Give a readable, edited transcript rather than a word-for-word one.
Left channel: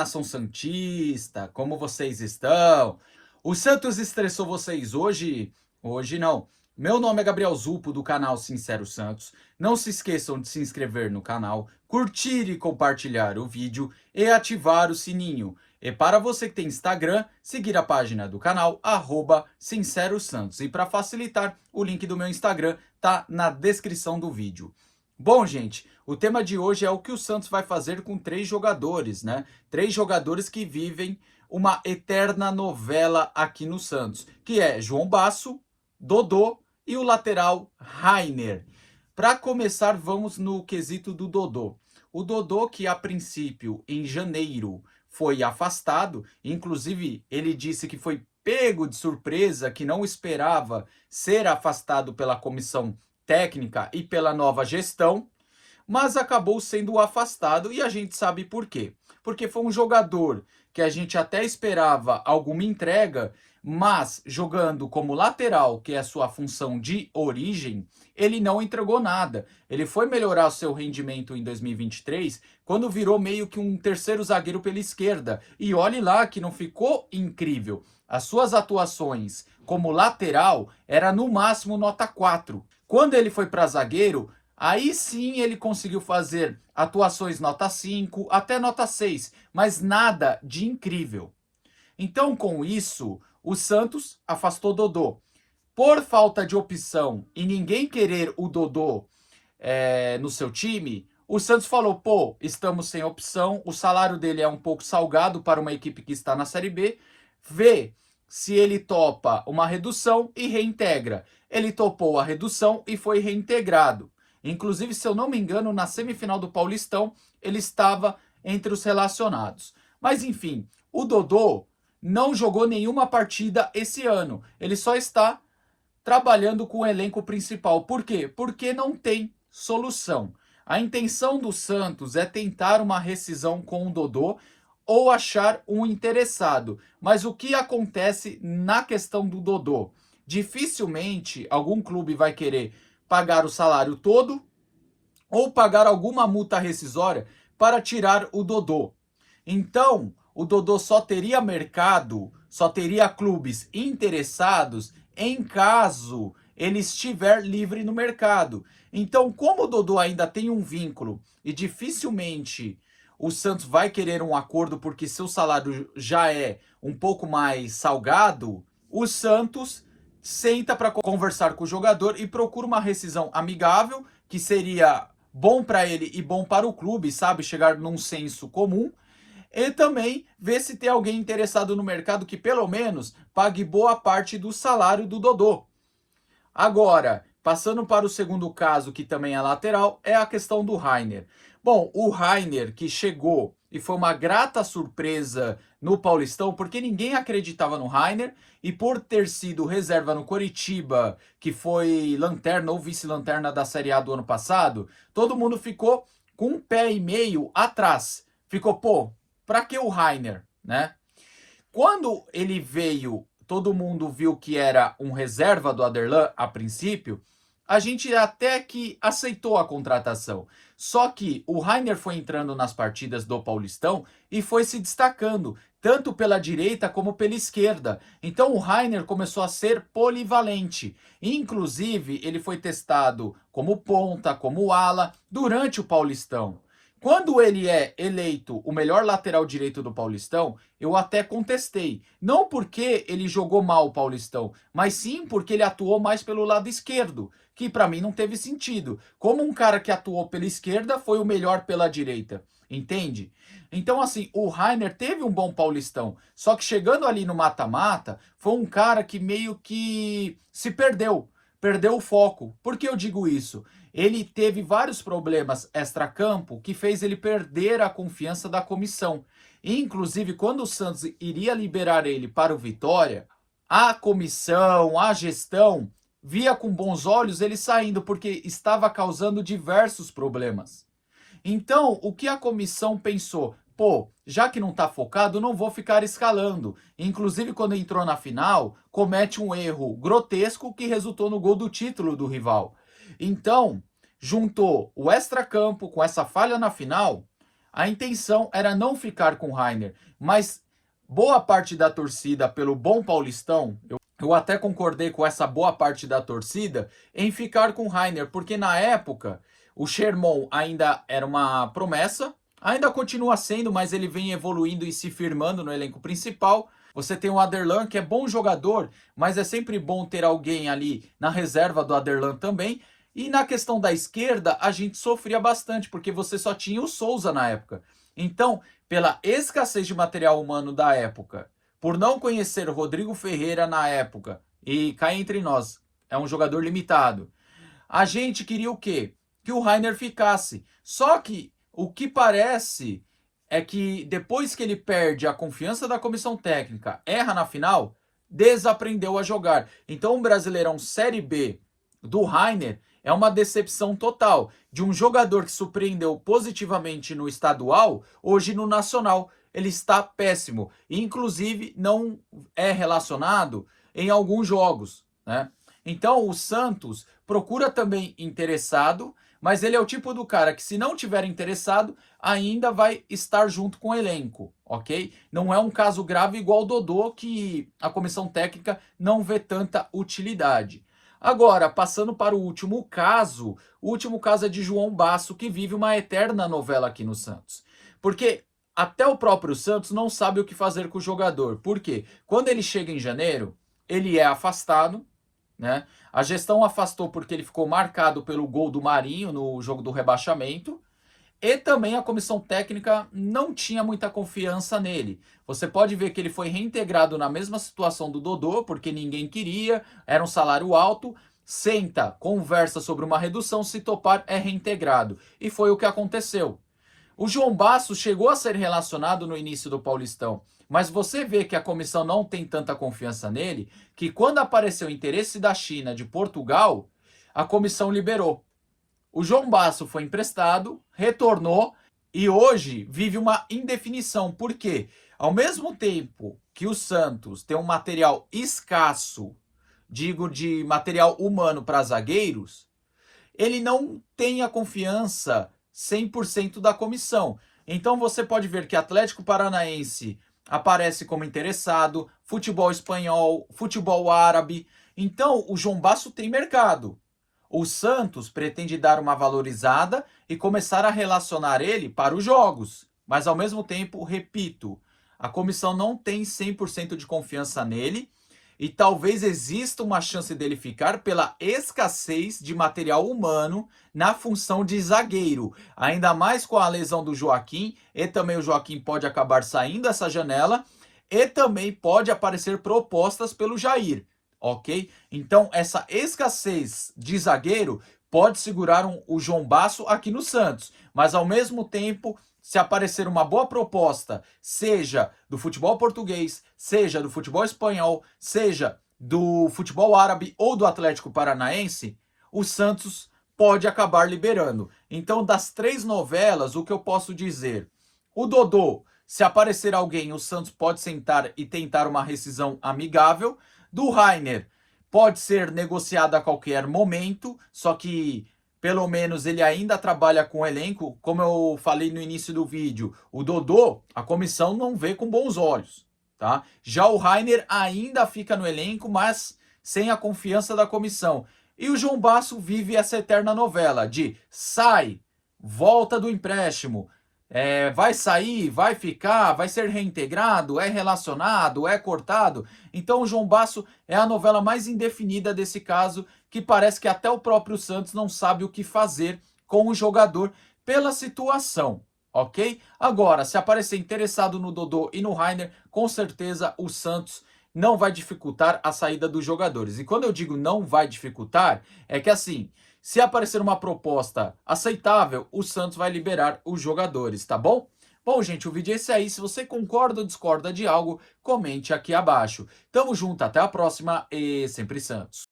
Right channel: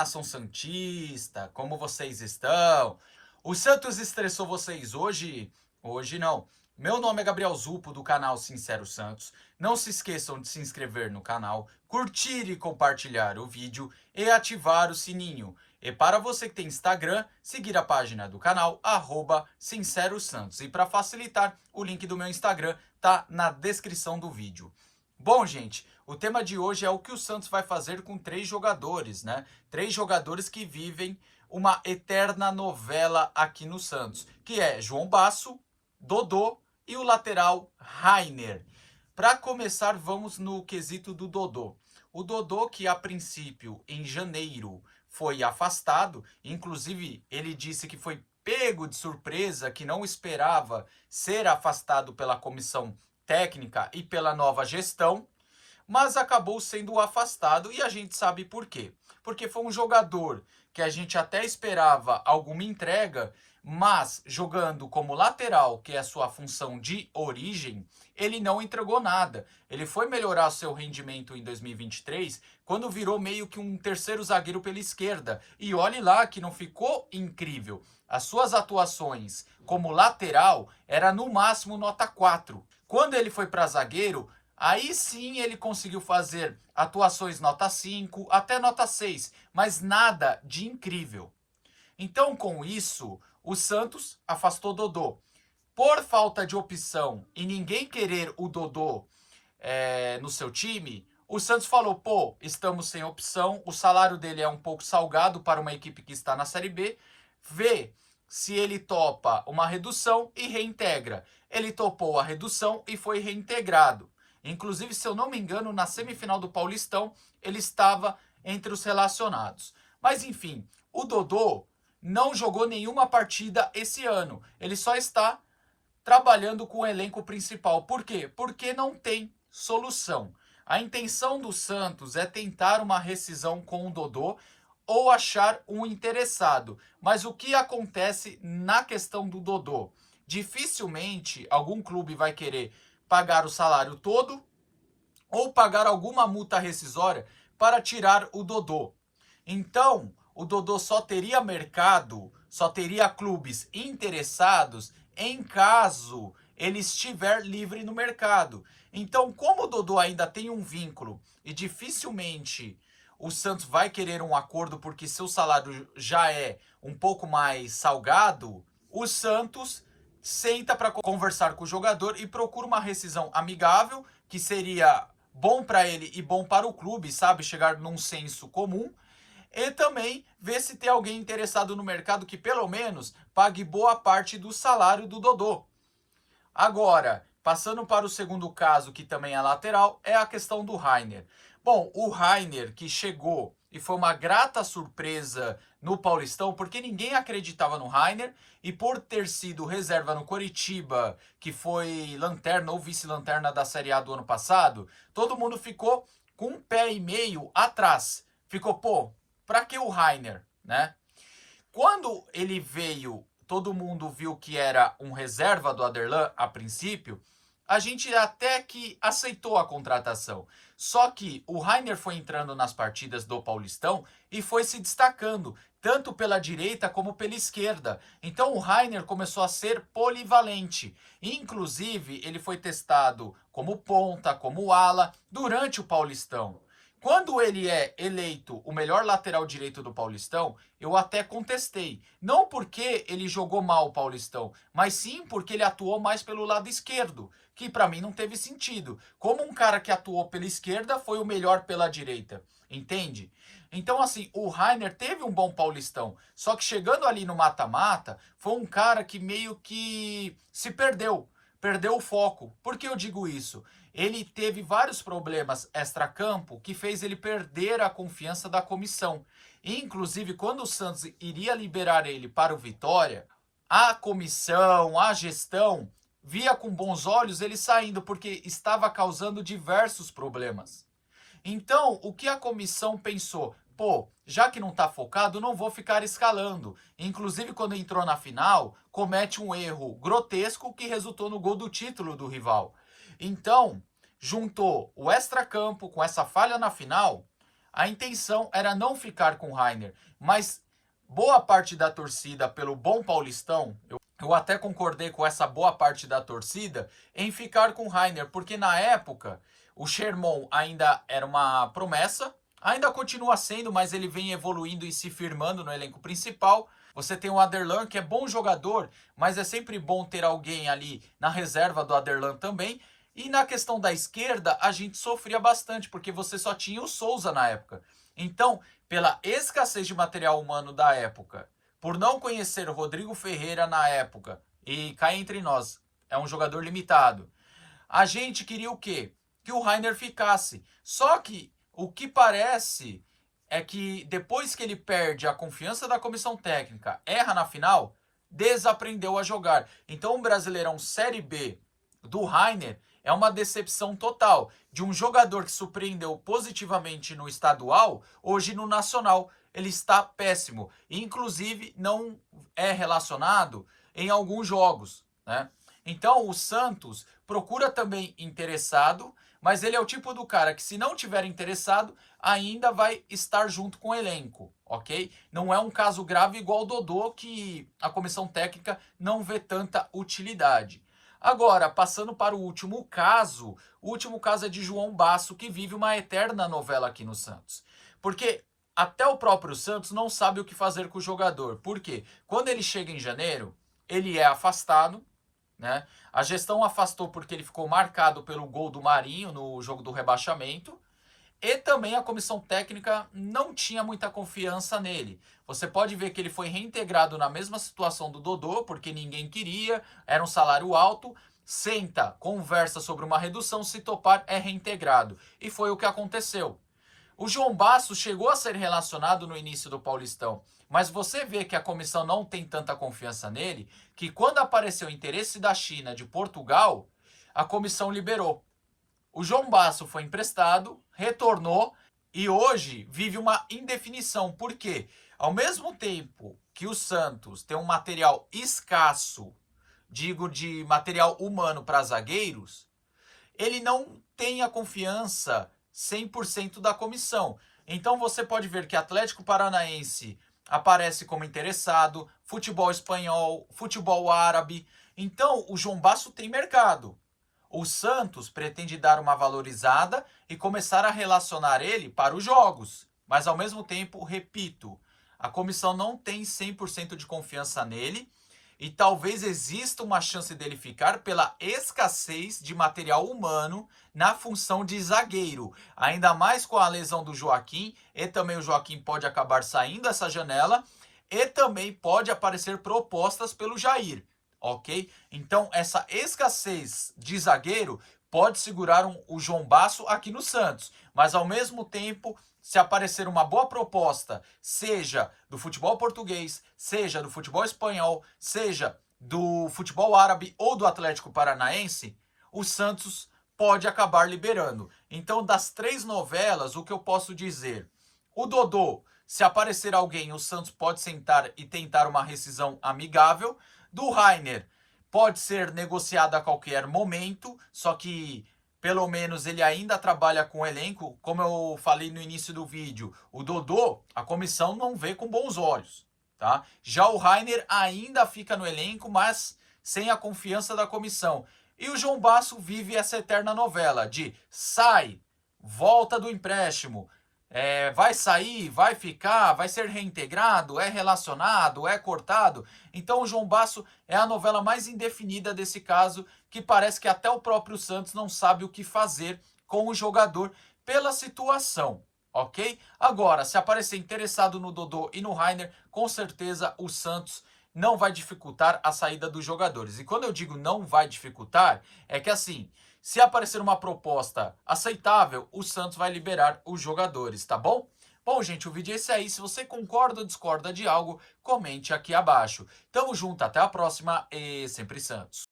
nação santista, como vocês estão? O Santos estressou vocês hoje? Hoje não. Meu nome é Gabriel Zupo, do canal Sincero Santos. Não se esqueçam de se inscrever no canal, curtir e compartilhar o vídeo e ativar o sininho. E para você que tem Instagram, seguir a página do canal, Sincero Santos. E para facilitar, o link do meu Instagram tá na descrição do vídeo. Bom, gente, o tema de hoje é o que o Santos vai fazer com 3 jogadores, né? 3 jogadores que vivem uma eterna novela aqui no Santos, que é João Basso, Dodô e o lateral Rainer. Para começar, vamos no quesito do Dodô. O Dodô, que a princípio, em janeiro, foi afastado, inclusive ele disse que foi pego de surpresa, que não esperava ser afastado pela comissão técnica e pela nova gestão, mas acabou sendo afastado e a gente sabe por quê. Porque foi um jogador que a gente até esperava alguma entrega, mas jogando como lateral, que é a sua função de origem, ele não entregou nada. Ele foi melhorar o seu rendimento em 2023, quando virou meio que um terceiro zagueiro pela esquerda. E olhe lá que não ficou incrível. As suas atuações como lateral era no máximo nota 4. Quando ele foi para zagueiro, aí sim ele conseguiu fazer atuações nota 5, até nota 6, mas nada de incrível. Então, com isso, o Santos afastou Dodô. Por falta de opção e ninguém querer o Dodô no seu time, o Santos falou, pô, estamos sem opção, o salário dele é um pouco salgado para uma equipe que está na Série B, vê se ele topa uma redução e reintegra. Ele topou a redução e foi reintegrado. Inclusive, se eu não me engano, na semifinal do Paulistão, ele estava entre os relacionados. Mas enfim, o Dodô não jogou nenhuma partida esse ano. Ele só está trabalhando com o elenco principal. Por quê? Porque não tem solução. A intenção do Santos é tentar uma rescisão com o Dodô ou achar um interessado. Mas o que acontece na questão do Dodô? Dificilmente algum clube vai querer pagar o salário todo ou pagar alguma multa rescisória para tirar o Dodô. Então, o Dodô só teria mercado, só teria clubes interessados em caso ele estiver livre no mercado. Então, como o Dodô ainda tem um vínculo e dificilmente o Santos vai querer um acordo porque seu salário já é um pouco mais salgado, o Santos senta para conversar com o jogador e procura uma rescisão amigável, que seria bom para ele e bom para o clube, sabe? Chegar num senso comum. E também ver se tem alguém interessado no mercado que pelo menos pague boa parte do salário do Dodô. Agora, passando para o segundo caso, que também é lateral, é a questão do Rainer. Bom, o Rainer que chegou e foi uma grata surpresa no Paulistão, porque ninguém acreditava no Rainer, e por ter sido reserva no Coritiba, que foi lanterna ou vice-lanterna da Série A do ano passado, todo mundo ficou com um pé e meio atrás. Ficou, pô, pra que o Rainer, né? Quando ele veio, todo mundo viu que era um reserva do Aderlan a princípio, a gente até que aceitou a contratação. Só que o Rainer foi entrando nas partidas do Paulistão e foi se destacando, tanto pela direita como pela esquerda. Então o Rainer começou a ser polivalente. Inclusive, ele foi testado como ponta, como ala, durante o Paulistão. Quando ele é eleito o melhor lateral direito do Paulistão, eu até contestei. Não porque ele jogou mal o Paulistão, mas sim porque ele atuou mais pelo lado esquerdo, que para mim não teve sentido. Como um cara que atuou pela esquerda foi o melhor pela direita, entende? Então, assim, o Rainer teve um bom Paulistão, só que chegando ali no mata-mata, foi um cara que meio que se perdeu o foco. Por que eu digo isso? Ele teve vários problemas extracampo que fez ele perder a confiança da comissão. Inclusive, quando o Santos iria liberar ele para o Vitória, a comissão, a gestão, via com bons olhos ele saindo, porque estava causando diversos problemas. Então, o que a comissão pensou? Pô, já que não está focado, não vou ficar escalando. Inclusive, quando entrou na final, comete um erro grotesco que resultou no gol do título do rival. Então, juntou o extracampo com essa falha na final, A intenção era não ficar com o Rainer, mas boa parte da torcida, pelo bom Paulistão, eu até concordei com essa boa parte da torcida em ficar com o Rainer, porque na época o Sherman ainda era uma promessa, ainda continua sendo, mas ele vem evoluindo e se firmando no elenco principal. Você tem o Aderlan, que é bom jogador, mas é sempre bom ter alguém ali na reserva do Aderlan também. E na questão da esquerda, a gente sofria bastante, porque você só tinha o Souza na época. Então, pela escassez de material humano da época, por não conhecer o Rodrigo Ferreira na época, e cá entre nós, é um jogador limitado, a gente queria o quê? Que o Rainer ficasse. Só que o que parece é que depois que ele perde a confiança da comissão técnica, erra na final, desaprendeu a jogar. Então o Brasileirão Série B do Rainer é uma decepção total de um jogador que surpreendeu positivamente no estadual, hoje no nacional. Ele está péssimo. Inclusive, não é relacionado em alguns jogos, né? Então, o Santos procura também interessado, mas ele é o tipo do cara que, se não tiver interessado, ainda vai estar junto com o elenco, ok? Não é um caso grave igual o Dodô, que a comissão técnica não vê tanta utilidade. Agora, passando para o último caso é de João Basso, que vive uma eterna novela aqui no Santos. Porque até o próprio Santos não sabe o que fazer com o jogador. Por quê? Quando ele chega em janeiro, ele é afastado, né? A gestão afastou porque ele ficou marcado pelo gol do Marinho no jogo do rebaixamento. E também a comissão técnica não tinha muita confiança nele. Você pode ver que ele foi reintegrado na mesma situação do Dodô, porque ninguém queria, era um salário alto. Senta, conversa sobre uma redução, se topar, é reintegrado. E foi o que aconteceu. O João Basso chegou a ser relacionado no início do Paulistão, mas você vê que a comissão não tem tanta confiança nele, que quando apareceu o interesse da China, de Portugal, a comissão liberou. O João Basso foi emprestado, retornou e hoje vive uma indefinição. Por quê? Ao mesmo tempo que o Santos tem um material escasso, digo de material humano para zagueiros, ele não tem a confiança 100% da comissão. Então você pode ver que Atlético Paranaense aparece como interessado, futebol espanhol, futebol árabe. Então o João Basso tem mercado. O Santos pretende dar uma valorizada e começar a relacionar ele para os jogos. Mas ao mesmo tempo, repito, a comissão não tem 100% de confiança nele e talvez exista uma chance dele ficar pela escassez de material humano na função de zagueiro. Ainda mais com a lesão do Joaquim, e também o Joaquim pode acabar saindo dessa janela, e também pode aparecer propostas pelo Jair, ok? Então, essa escassez de zagueiro pode segurar o João Basso aqui no Santos, mas ao mesmo tempo, se aparecer uma boa proposta, seja do futebol português, seja do futebol espanhol, seja do futebol árabe ou do Atlético Paranaense, o Santos pode acabar liberando. Então, das 3 novelas, o que eu posso dizer? O Dodô, se aparecer alguém, o Santos pode sentar e tentar uma rescisão amigável. Do Rainer, pode ser negociado a qualquer momento, só que pelo menos ele ainda trabalha com o elenco. Como eu falei no início do vídeo, o Dodô, a comissão não vê com bons olhos, tá? Já o Rainer ainda fica no elenco, mas sem a confiança da comissão. E o João Basso vive essa eterna novela de sai, volta do empréstimo, vai sair, vai ficar, vai ser reintegrado, é relacionado, é cortado. Então o João Basso é a novela mais indefinida desse caso, que parece que até o próprio Santos não sabe o que fazer com o jogador pela situação, ok? Agora, se aparecer interessado no Dodô e no Rainer, com certeza o Santos não vai dificultar a saída dos jogadores. E quando eu digo não vai dificultar, é que assim, se aparecer uma proposta aceitável, o Santos vai liberar os jogadores, tá bom? Bom, gente, o vídeo é esse aí. Se você concorda ou discorda de algo, comente aqui abaixo. Tamo junto, até a próxima e sempre Santos.